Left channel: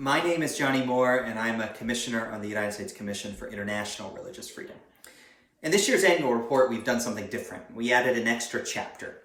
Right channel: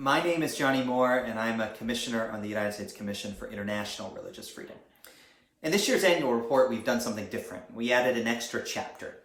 My name is Johnnie Moore, and I'm a commissioner on the United States Commission for International Religious Freedom. In this year's annual report, we've done something different. We added an extra chapter.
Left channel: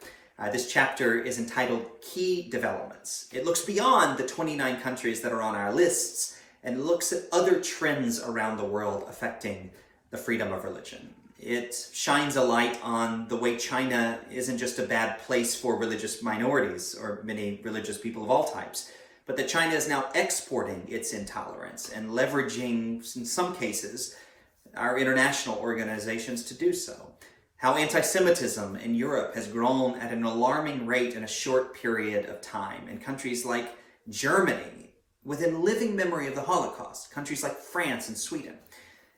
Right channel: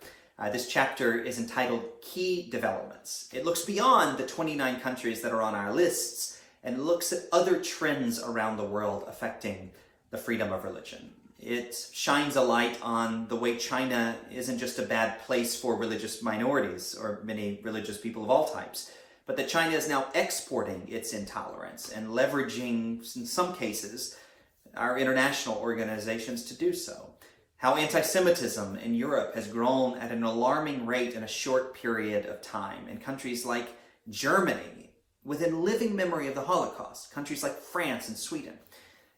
This chapter is entitled Key Developments. It looks beyond the 29 countries that are on our lists and looks at other trends around the world affecting the freedom of religion. It shines a light on the way China isn't just a bad place for religious minorities or many religious people of all types, but that China is now exporting its intolerance and leveraging, in some cases, our international organizations to do so. How anti-Semitism in Europe has grown at an alarming rate in a short period of time in countries like Germany, within living memory of the Holocaust, countries like France and Sweden.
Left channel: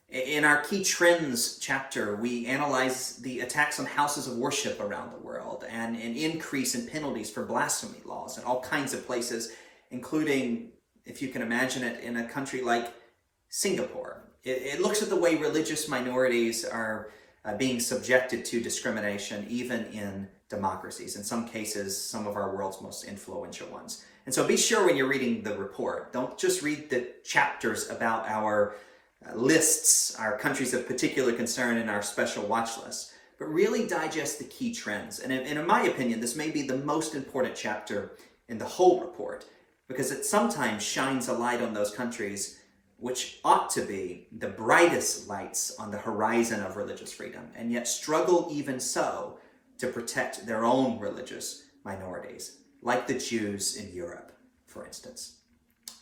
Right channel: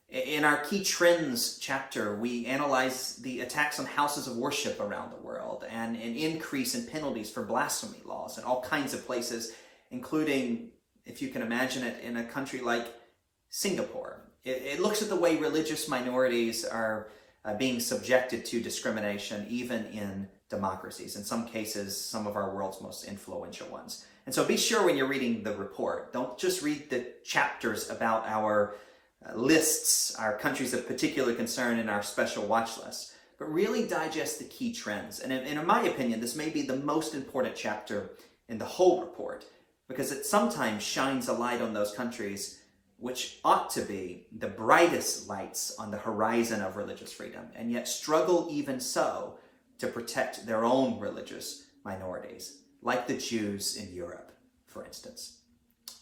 In our Key Trends chapter, we analyze the attacks on houses of worship around the world and an increase in penalties for blasphemy laws in all kinds of places, including, if you can imagine it, in a country like Singapore. It looks at the way religious minorities are being subjected to discrimination, even in democracies, in some cases, some of our world's most influential ones. And so be sure when you're reading the report, don't just read the chapters about our lists, our countries of particular concern and our special watch lists, but really digest the key trends. And in my opinion, this may be the most important chapter in the whole report, because it sometimes shines a light on those countries which ought to be the brightest lights on the horizon of religious freedom, and yet struggle even so to protect their own religious minorities, like the Jews in Europe, for instance.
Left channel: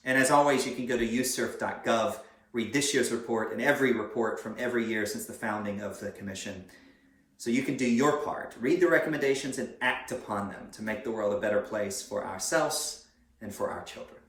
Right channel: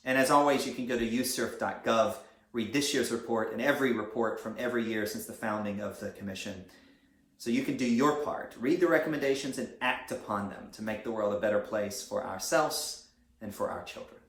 And as always, you can go to uscirf.gov, read this year's report and every report from every year since the founding of the Commission, so you can do your part. Read the recommendations and act upon them to make the world a better place for ourselves and for our children.